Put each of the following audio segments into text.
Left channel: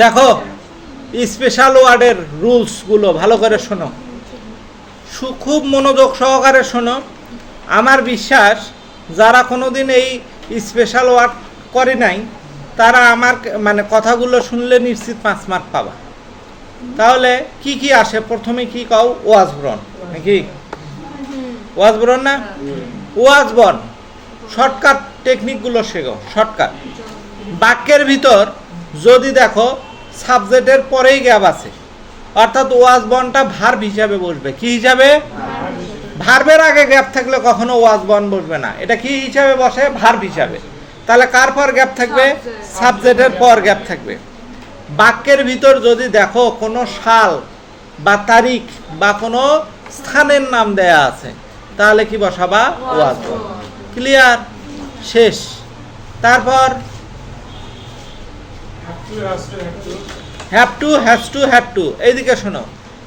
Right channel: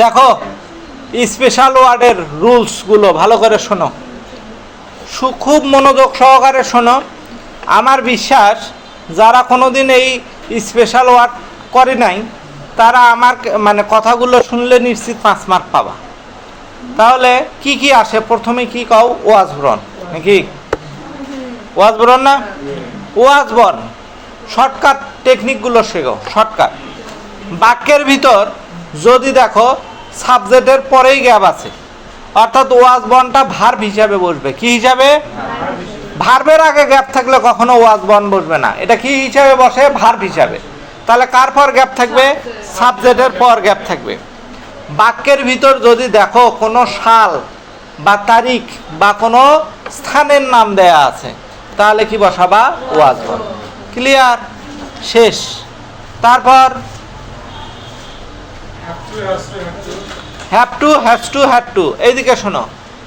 দেখো স্পেশাল ওয়ার্ডের রুলসগুলো ভালো করে শোনো, খুব মনোযোগ সহকারে শোনো। আমার বিশ্বাস যারা কোনোদিন এই স্পেশাল ওয়ার্ড করে নাই তারা আমার মানে কথাগুলো শুনলে নিশ্চিত 5 মার্ক পাবা। তাহলে কি কি আসে? প্রথমে কি কও? ওয়াজবরণ নাকি? ওয়াজবরণ না? ওয়াজবরণ শর্টকাট টেকনিকগুলো শেখো। শর্টকাট বাক্যের ভিতর যদি দেখো সাবজেক্টের পরেই গ্যাপ আছে, অর্থাৎ ওয়াজবরণটা ভার্ব হিসাবে বসবে। কি হিসাবে? ভার্বের আগে গ্যাপ থাকলে কখনো ওয়াজবরণ বসবে না। এটা কি হিসাবে বসে? ভার্ব হিসাবে। তাহলে কার পর গ্যাপ থাকবে? সাবজেক্টের পর গ্যাপ থাকবে। বাক্যের ভিতর যদি দেখো কোনো সাল বা তারিখ বা কোনো স্থানের নাম দেয়া আছে তাহলে কি বসাবা? ওয়াজবরণ। ক্লিয়ার? শেষ। তারপর have to, has to, had to. এইদিকে শোনো,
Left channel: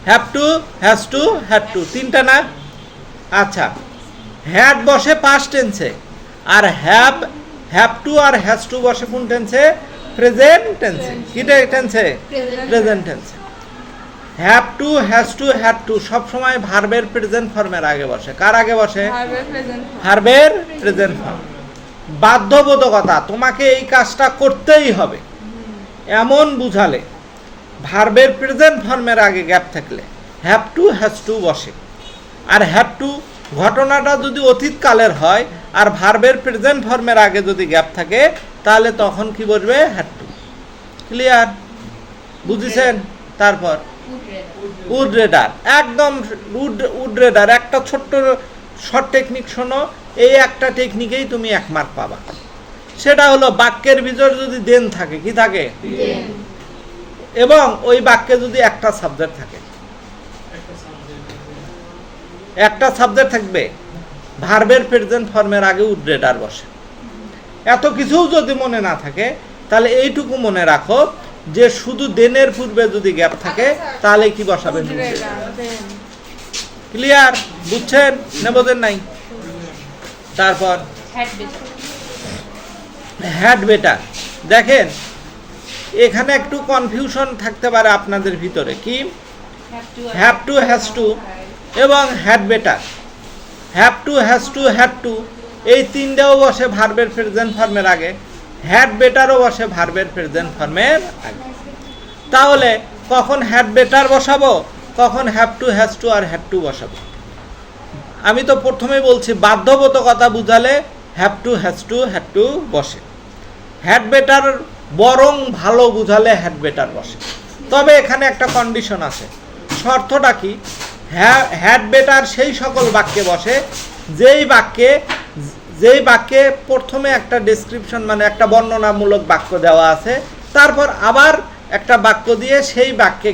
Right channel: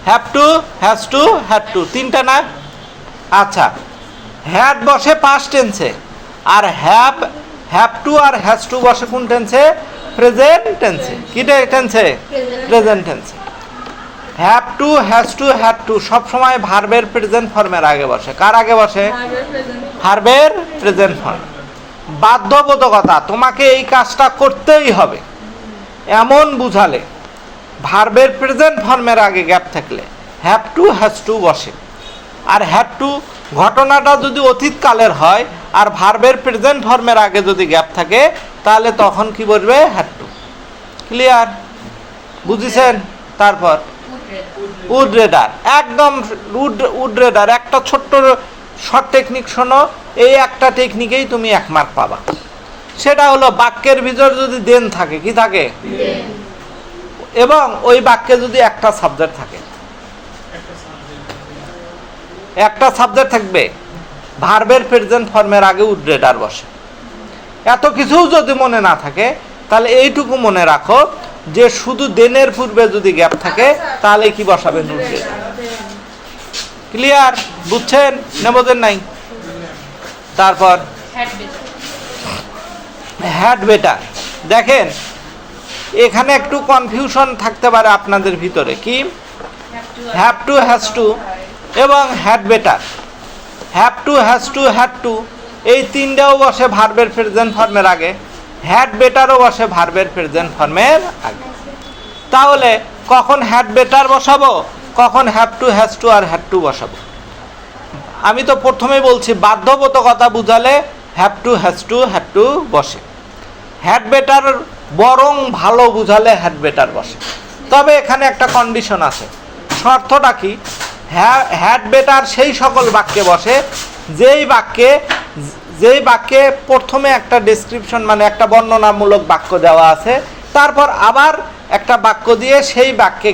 have to, has to, had to, তিনটা না? আচ্ছা, হ্যাড বসে পাস্ট টেন্সে, আর হ্যাভ টু আর হ্যাজ টু বসে কোন টেন্সে? প্রেজেন্ট টেন্সে। কি টেন্সে? প্রেজেন্ট টেন্সে। Have to, has to, had to সব সময় ভার্বের প্রেজেন্ট ফর্মের আগে বসে। কার আগে বসে? ভার্বের প্রেজেন্ট ফর্ম। বাধ্যবাধকতা, তোমাকে এই কাজটা করতেই হবে এমন বুঝালে ভার্বের প্রেজেন্ট ফর্মের আগে গ্যাপ থাকলে হ্যাভ টু, হ্যাজ টু বসে। আর হ্যাভ টু ঘটনাটা যদি অতীতকালের হয় আর ভার্বের প্রেজেন্ট ফর্মের আগে যদি গ্যাপ থাকে তাহলে তখন কি বলবে? Have to. ক্লিয়ার? বুঝেছেন? তারপর উড রেডার, একদম উড রেডার একটা ছোট্ট শর্ট টেকনিক শোনো, এই একটা টেকনিকেই তুমি 1 মার্ক পাবা। সেটা হলো বাক্যের ভিতর যদি দেন থাকে, কি থাকে? এবং ওই বাক্যে যদি একটা সাবজেক্ট থাকে, একটা সাবজেক্ট থাকবে, ভার্বের প্রেজেন্ট ফর্মের আগে উড রেডার বসে। এত কিছু যদি মনে না থাকে তাহলে এইটুকু মনে রাখো যে শুধু দেনের পূর্বে যদি গ্যাপ থাকে তাহলে কি বসাবে? Would rather. ক্লিয়ার? বুঝছেন না বোঝেন নাই? তারপর হ্যাড বেটার। দেখেন এখানে একটু কনফিউশন থাকতে পারে আপনাদের ভিতরে। কি? হ্যাভ টু, হ্যাজ টু এবং had better. Have to, has to, had two এই তিনটাও বসে ভার্বের প্রেজেন্ট ফর্মের আগে, হ্যাড বেটারও বসে ভার্বের প্রেজেন্ট ফর্মের আগে। তাহলে কখন হ্যাড বেটার বসাবো, কখন হ্যাভ টু, হ্যাজ টু আর হ্যাড টু বসাবো? আমি তো প্রথমেই বলছি বাধ্যবাধকতা বুঝালে have to, has to, had to বসে। হ্যাড বেটার বরং ভালো বুঝালে হ্যাড বেটার বসে। তবে এখানে একটা কন্ডিশন আছে। শর্তটা কি? হ্যাড বেটার সেই সকল বাক্যে বসে যেই বাক্যে প্রথমে একটা ডেসক্রিপশন মানে একটা বর্ণনামূলক বাক্য দেওয়া আছে, তারপর আবার একটা বাক্য দিয়ে সেই বাক্যে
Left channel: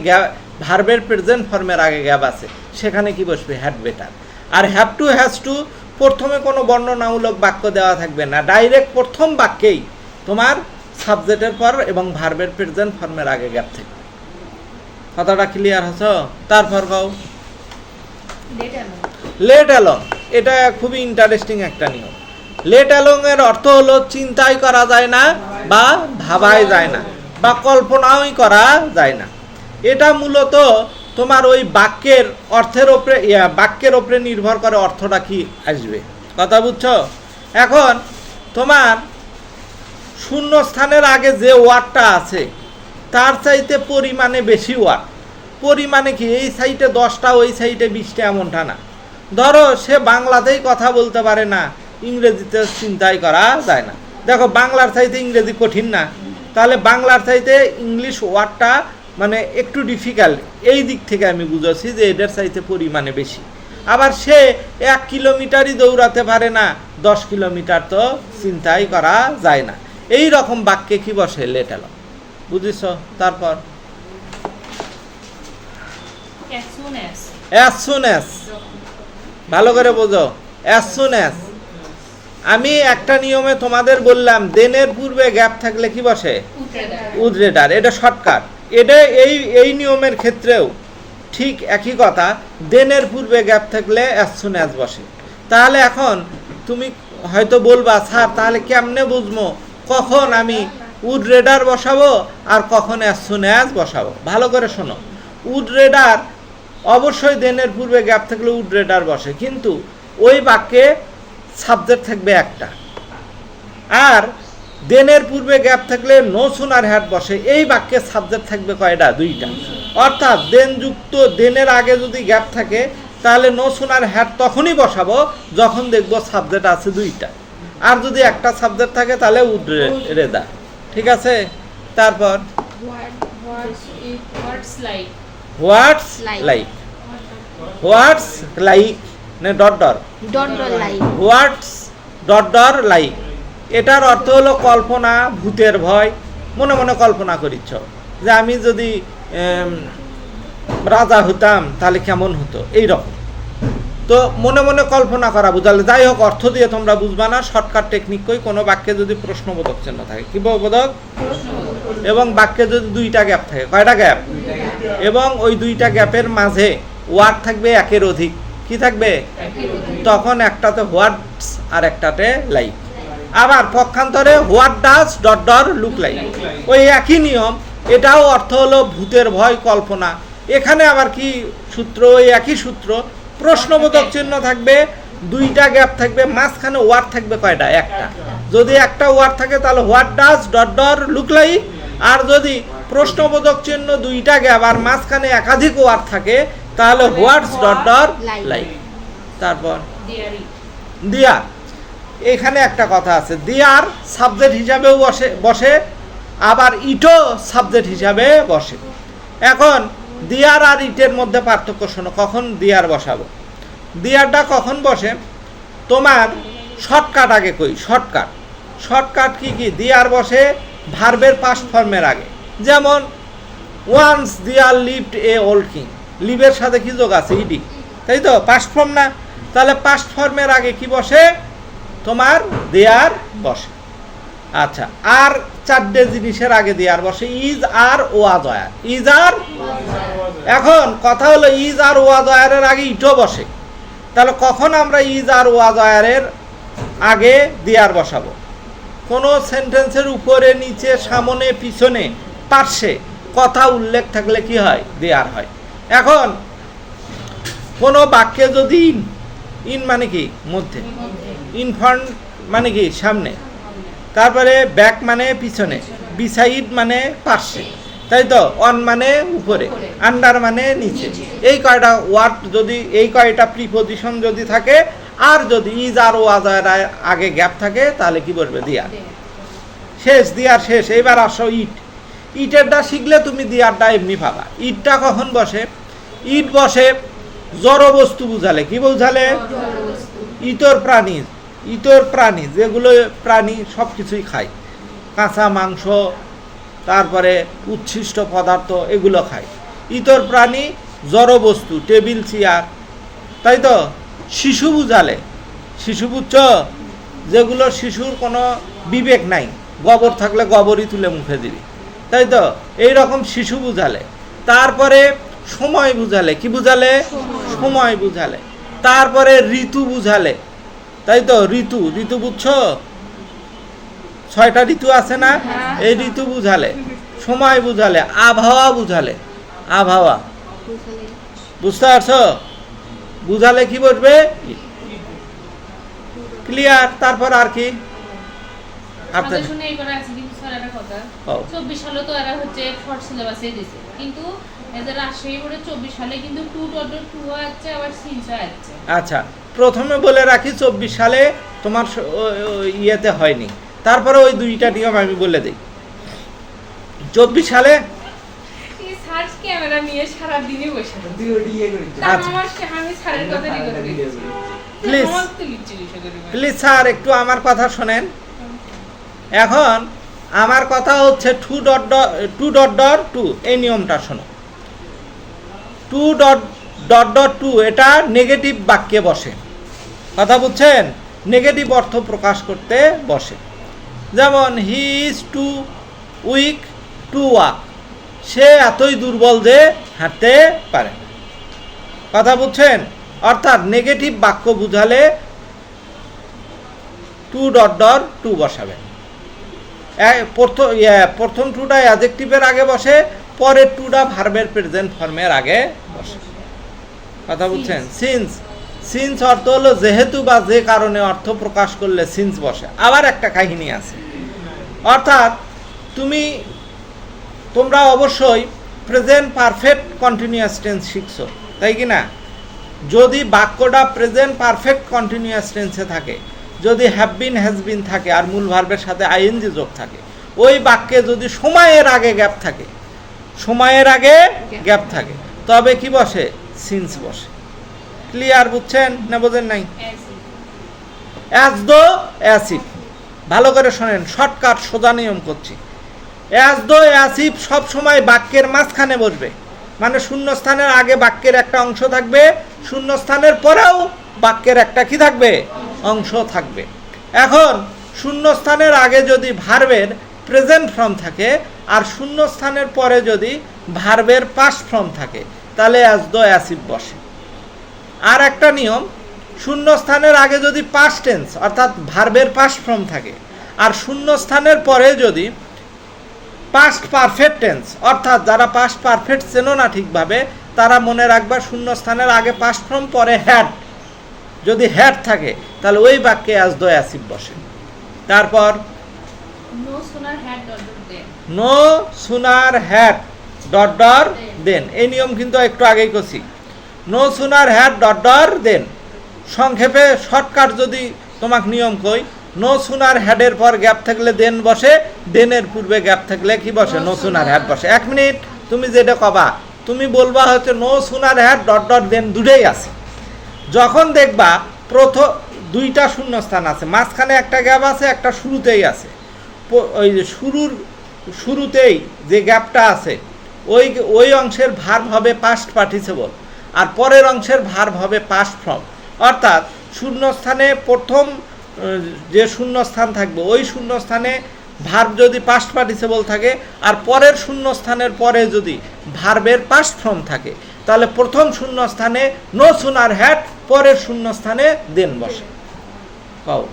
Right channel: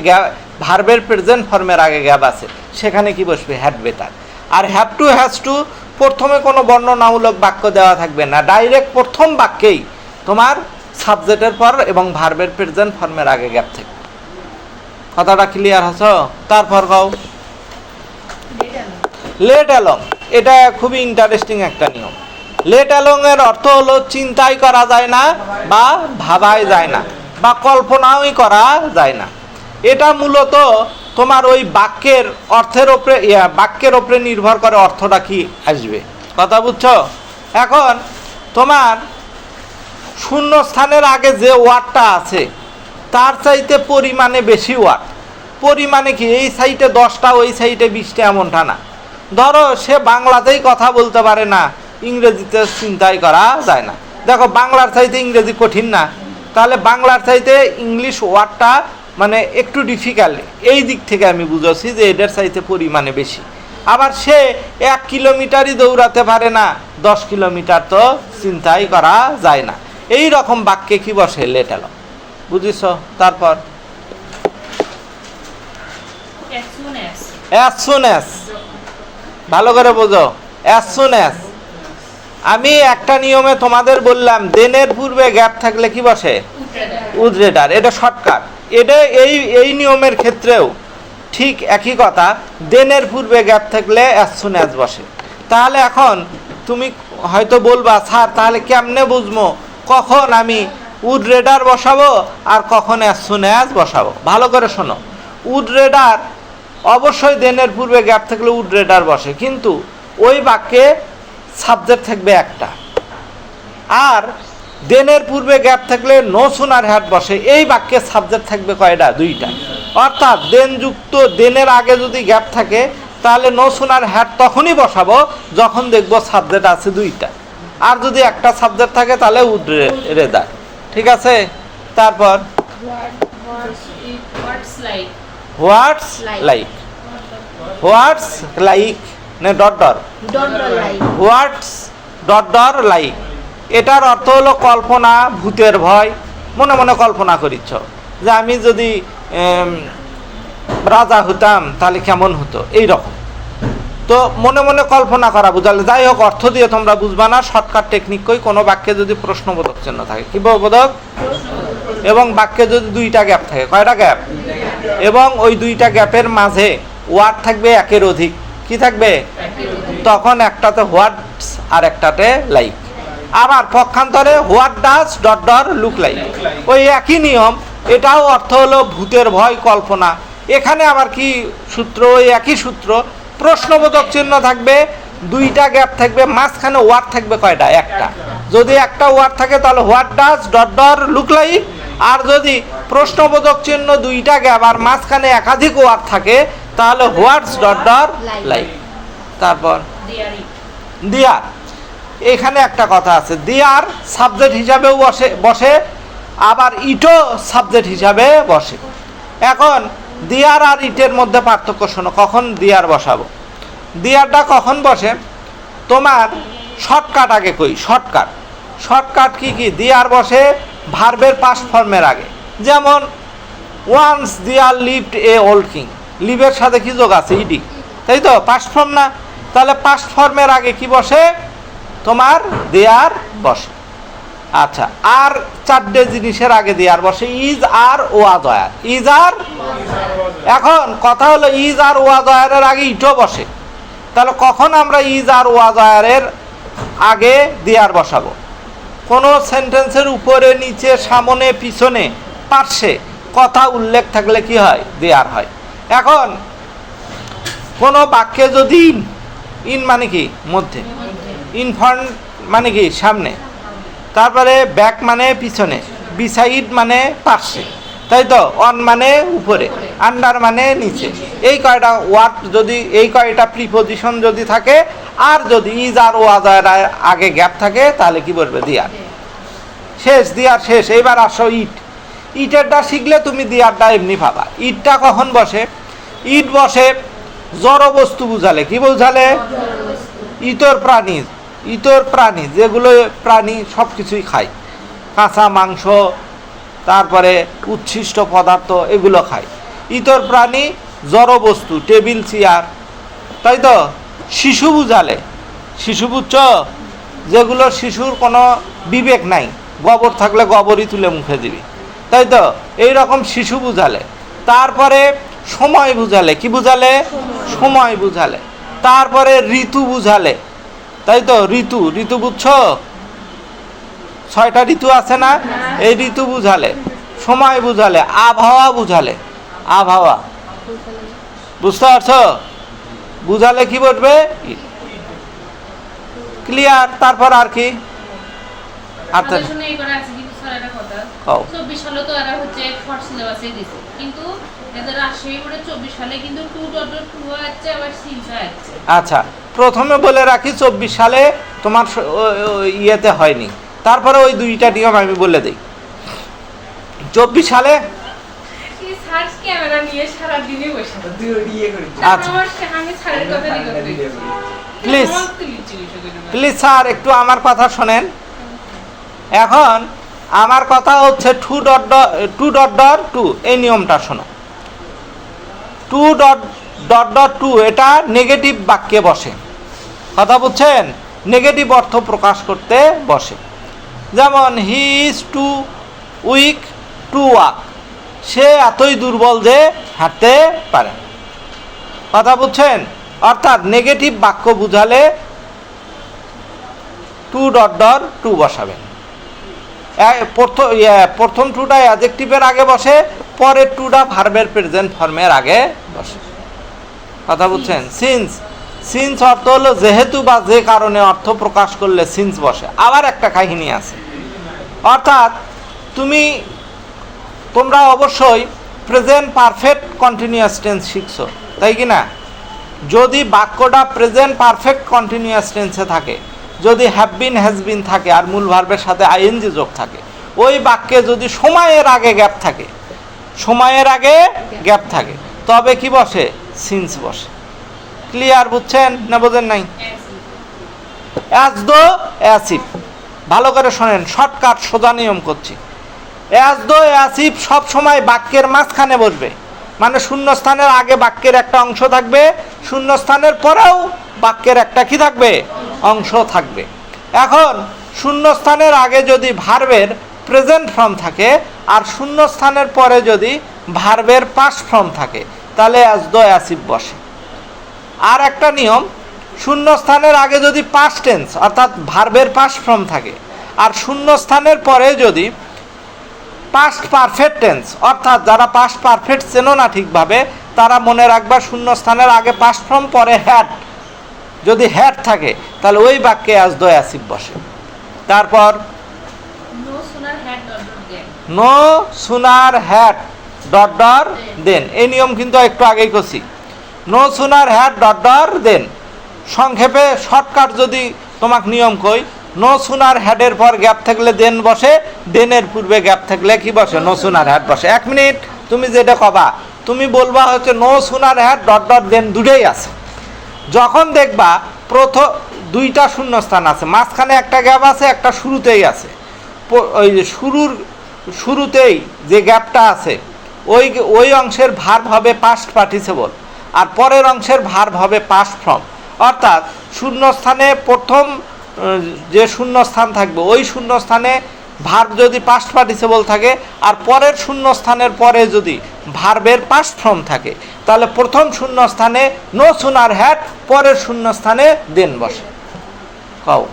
ভার্বের প্রেজেন্ট ফর্মের আগে গ্যাপ আছে, সেখানে কি বসবে? Had better. আর হ্যাভ টু, হ্যাজ টু প্রথমে কোনো বর্ণনামূলক বাক্য দেওয়া থাকবে না, ডাইরেক্ট প্রথম বাক্যেই তোমার সাবজেক্টের পর এবং ভার্বের প্রেজেন্ট ফর্মের আগে গ্যাপ থাকবে। কথাটা ক্লিয়ার হচ্ছে? তারপর কও লেট অ্যালং। এটা খুবই ইন্টারেস্টিং একটা নিয়ম। লেট অ্যালং এর অর্থ হলো চিন্তাই করা যায় না বা ভাবাই যায় না বা কল্পনাই করা যায় না। এটা মূলত তোমার ওই বাক্যের অর্থের ওপরে বাক্যের ওপরে নির্ভর করে অর্থটা কি আসবে। কথা বুঝছো? এখন তোমার শূন্যস্থানের আগে যে ওয়ার্ডটা আছে তার চাইতে পরিমাণে বেশি ওয়ার্ড। পরিমাণে কি? এই সাইডে 10টা ওই সাইডে 20টা এমনটা না। ধরো সে বাংলাতেই কথা বলতে পারে না, ইংরেজিতে চিন্তাই করা যায় না। দেখো বাংলার চাইতে ইংরেজি কঠিন না, তাহলে বাংলার চাইতে ইংলিশ ওয়ার্ডটা মানে একটু ডিফিকাল্ট। এই দিক থেকে আমি বুঝেছি যে এদের চাইতে পরিমাণে বেশি। আবার সে 1 কিলোমিটারই দৌড়াতে পারে না, 10 কিলোমিটার তো চিন্তাই করা যায় না। এই রকম বাক্যে কি বসে? Let alone. বুঝিস? তারপর অ্যাজ সুন অ্যাজ, ভালো করে বোঝো। অ্যাজ সুন অ্যাজ আমি একটা নিয়মে তোমাদের বললাম দেনের পূর্বে গ্যাপ থাকলে কি বসে? Would rather. এটা শর্টকাট। এটা এই নিয়মের ক্ষেত্রেও ঠিক একই কথা, দেনের পূর্বে গ্যাপ থাকলে অ্যাজ সুন অ্যাজ বসে। তাহলে এখন তুমি হয়তো বলবা স্যার তাহলে কেমনে বুঝবো কখন আমি উড রেডার বসাবো আর কখন অ্যাজ সুন অ্যাজ বসাবো। ভালো করে শোনো, উড রেডার অবশ্যই দেনের পূর্বে গ্যাপ থাকলে উড রেডার বসে, কিন্তু ওই বাক্যে সাবজেক্ট থাকবে একটা, আর দেনের পূর্বে গ্যাপ থাকলে নো সুনার হ্যাড বসে। এই বাক্যের সাবজেক্ট থাকবে কয়টা? দুইটা। অর্থাৎ দেনযুক্ত দেনের আগে যদি গ্যাপ থাকে তাহলে নো সুনার হ্যাড তখনই বসাবো যখন দেখবো সাবজেক্ট আছে দুইটা, আর যদি একটা সাবজেক্ট থাকে তাহলে উড রেডার। ঠিক আছে? তারপর হোয়াটস লাইক, হোয়াটস লাইক না ডট ডট, হোয়াটস ডট ডট লাইক, এটার অর্থ হলো কল্পনা, ভূতের ভয়। মনে মনে কল্পনা করিচ্ছ যে আমি যদি রাজা হতাম তাহলে কেমন হতো, এই রকম। তো মনে মনে কল্পনা করা বুঝালে, যাই হোক অর্থ দিয়ে তোমরা বুঝবা না, শর্টকাট টেকনিক কই। কোনো বাক্যে যদি প্রশ্নবোধক চিহ্ন থাকে, কি বোধক, এবং বাক্যে যদি দুইটা গ্যাপ থাকে, কয়টা গ্যাপ, এবং ওই দুইটা গ্যাপের মাঝে ওয়ার্ড থাকবে একের অধিক, কি থাকবে, তখন একটাতে হোয়াটস আর একটাতে লাইক। আবার পক্ষান্তরে what does dot dot look like, ওই একই নিয়ম, এটাও অর্থ হলো ভূতের ভয়, কল্পনা। এখানে আবার কি সূত্র, ওই একই সূত্র, প্রশ্নবোধক চিহ্ন থাকবে, দুইটা গ্যাপ থাকবে, মাঝখানে ওয়ার্ড থাকবে কয়টা, একটা। যদি একটা ওয়ার্ড থাকে তাহলে what does dot dot look like, আর যদি প্রশ্নবোধক চিহ্ন দুইটা গ্যাপ আর মাঝখানে একাধিক ওয়ার্ড থাকে তাহলে হোয়াটস ডট ডট লাইক। তারপর দিয়ার, এখানে একটা কথা আছে, দিয়ার সাবজেক্ট হিসাবেও বসে আবার ইটও সাবজেক্ট হিসাবে বসে। এখন দিয়ার আর ইটের মধ্যে পার্থক্য শোনো, কখন দিয়ার বসাবো। দিয়ারটা কখন বসে, তোমার শর্টকাট আগে কই, শর্টকাট কি কি, দিয়ার বসে ভার্বের পাস্ট ফর্মের আগে। যেমন ওয়ান্স দিয়ার লিভড এ ওল্ড কিং, লিভের সাথে কি যোগ আছে, ইডি, তাই তো, পাস্ট ফর্ম না, তাহলে পাস্ট ফর্মের আগে কি বসে, তোমার দেয়ার বসে। আচ্ছা, আর চারটে জিনিসের আগে দেয়ার বসে, is are was were, is are. এখন কথা হলো ইজ আর ওয়াজ ওয়ারের আগে ইটও বসে, তাহলে কখন আমরা ইজ আর ওয়াজ ওয়ারের আগে দেয়ার বসাবো, কোনো সেন্টেন্সের উপরে নিচে সামনে পিছনে পার্শ্বে কথা উল্লেখ থাকলে কি হয়, দেয়ার হয়। এখন কোনো বাক্যে যদি ইন মানে কি মধ্যে, ইন ফ্রন্ট মানে কি সামনে, তারপরে ব্যাক মানে পিছনে, বিসাইড মানে পার্শ্বে, তাই তো, অন মানে উপরে, আন্ডার মানে নিচে, এই কয়টা ওয়ার্ড যদি, এই কয়টা প্রিপোজিশন যদি থাকে, আর যদি ইজ আর ওয়াজ আর আগে গ্যাপ থাকে তাহলে কি বলবে, দিয়ার। শেষ, দিয়ার শেষ। এইবার আসো ইট, ইটেরটা শিখলে তুমি দিয়ারটা এমনি পাবা। ইটটা কখন বসে, ইট বসে জড় বস্তু বুঝালে, কি বুঝালে, ইতর প্রাণী যেগুলো প্রাণী সব কিছুই খায়, কাঁচা মাংস, তারপরে উচ্ছিষ্ট পদার্থ, এগুলো খায়। ইতর প্রাণী জড় বস্তু, টেবিল চেয়ার, তাই তো। শিশু বুঝালে, শিশু বুঝছ, যেগুলো শিশুর কোনো বিবেক নাই, গোবর থাকলে গোবরই তুলে মুখে দিবি, তাই তো, এইরকম শিশু বুঝালে। তারপরে সময় বুঝালে, কি বুঝালে, সময় বুঝালে। তারপরে ঋতু বুঝালে, তাই তো, ঋতু বুঝছো, 6টা ঋতু আছে না, এই ঋতু বুঝালে। সময় বুঝালে, আবহাওয়া বুঝালে, আবহাওয়া বুঝতে পারছো, বুঝালে কি বলবে, ক্লিয়ার। তারপর আর কি, আর তো আচ্ছা, প্রথমে বলে রাখি 24 সালে তোমার ইয়েতে হয়নি, তারপরে ওই দুইটা নিয়ম আমি বলে দিই। 24 সালে প্লিজ স্যার একটু আমার কথা শোনেন। এখন আমার কথা হচ্ছে 2.2 এই নিয়মটা শোনো। 2.2 এটা নেগেটিভ বাক্যে বসে, কথা বুঝছেন, নেগেটিভ অর্থ প্রকাশ করতে বসে। যেমন he is too weak to walk, সে এতই দুর্বল যে হাঁটতে পারে, কথা বুঝছেন। অর্থাৎ নেগেটিভ বাক্য বুঝালে 2.2 বসাবেন। প্রথম টুটা অ্যাডজেক্টিভের আগে বসে, পরের টুটা ভার্বের প্রেজেন্ট ফর্মের আগে বসে। কথা বুঝছেন? সিন্স, সিন্স অর্থ হলো যেহেতু বা যে কারণে অর্থ প্রকাশ করলে সিন্স বসে। আবার একটা কাহিনী আছে, অর্থাৎ তোমরা অবশ্যই প্রেজেন্ট পারফেক্ট কন্টিনিউয়াস টেন্স শিখছো, তাই কি না? যদি বাক্যটা প্রেজেন্ট পারফেক্ট কন্টিনিউয়াস টেন্সে থাকে, যদি হ্যাভ বিন হ্যাজ বিন থাকে আর মূল ভার্বের সাথে আইএনজি যোগ থাকে, ওই বাক্যে যদি সময়ের আগে গ্যাপ থাকে, সময়ের আগে গ্যাপ থাকে, তবে কি বসে? সিন্স বসে। ক্লিয়ার? বুঝছেন না বোঝেন নাই? অ্যাজ দো অ্যাজ ইফ, ভালো করে শোনেন, শর্টকাট সোজা নিয়ম করছি। অ্যাজ দো অ্যাজ ইফ সব সময় বাক্যের মাঝখানে বসবে, মানে শূন্যস্থানের আগে বাক্যের একটা অংশ থাকবে, শূন্যস্থানের পরেও বাক্যের একটা কি থাকবে? অংশ থাকবে। এখন শূন্যস্থানের আগে যদি ভার্বের প্রেজেন্ট ফর্ম থাকে আর শূন্যস্থানের পরে যদি ভার্বের পাস্ট ফর্ম থাকে, তাহলে অ্যাজ দো অ্যাজ ইফ বসে। আর একটা নিয়ম, শূন্যস্থানের আগে যদি পাস্ট টেন্স অর্থাৎ ভার্বের পাস্ট ফর্ম থাকে আর শূন্যস্থানের পরে যদি পাস্ট পারফেক্ট টেন্স, অর্থাৎ যারা পাস্ট পারফেক্ট চেনো না ঠিকভাবে, তারা মনে রাখবা শূন্যস্থানের আগে পাস্ট ফর্ম পরে হ্যাড, যদি হ্যাড থাকে তাহলে ওই বাক্যে অ্যাজ দো অ্যাজ ইফ বসে। তারপর নো সুনার হ্যাড ডট ডর দেন, এই নিয়ম কিন্তু একটু আগেই করছি। নো সুনার হ্যাড ডট ডর দেন, সংক্ষেপে শর্টকাট যদি তোমাকে নিয়ম কই, নো সুনার হ্যাডের পর গ্যাপ থাকলে দেন বসে, দেনের পূর্বে গ্যাপ থাকলে কি বসে? নো সুনার হ্যাড বসে। 1 মিনিট, তুমি যেটা কবা তুমি বলবা হচ্ছে no sooner had dot dot than, দুটোই আছে। যখন দেখবা প্রথম দুইটা শূন্যস্থান আছে, মাঝখানে একটা গ্যাপ আছে, একটা শুরুতেই আছে, ওই শুরুতেই যে গ্যাপটা আছে ওই অংশের ভার্ব হবে পাস্ট পার্টিসিপল আর পরের অংশের ভার্ব হবে পাস্ট ফর্ম। অর্থাৎ শূন্যস্থানে প্রথম যে শূন্যস্থান থাকবে ওই শূন্যস্থানে ভার্ব যদি পাস্ট পার্টিসিপল থাকে আর পরের শূন্যস্থানের পরে যদি ভার্বের পাস্ট ফর্ম থাকে, তাহলে প্রথম শূন্যস্থানে নো সুনার হ্যাড, পরের শূন্যস্থানে দেন বসে। কও।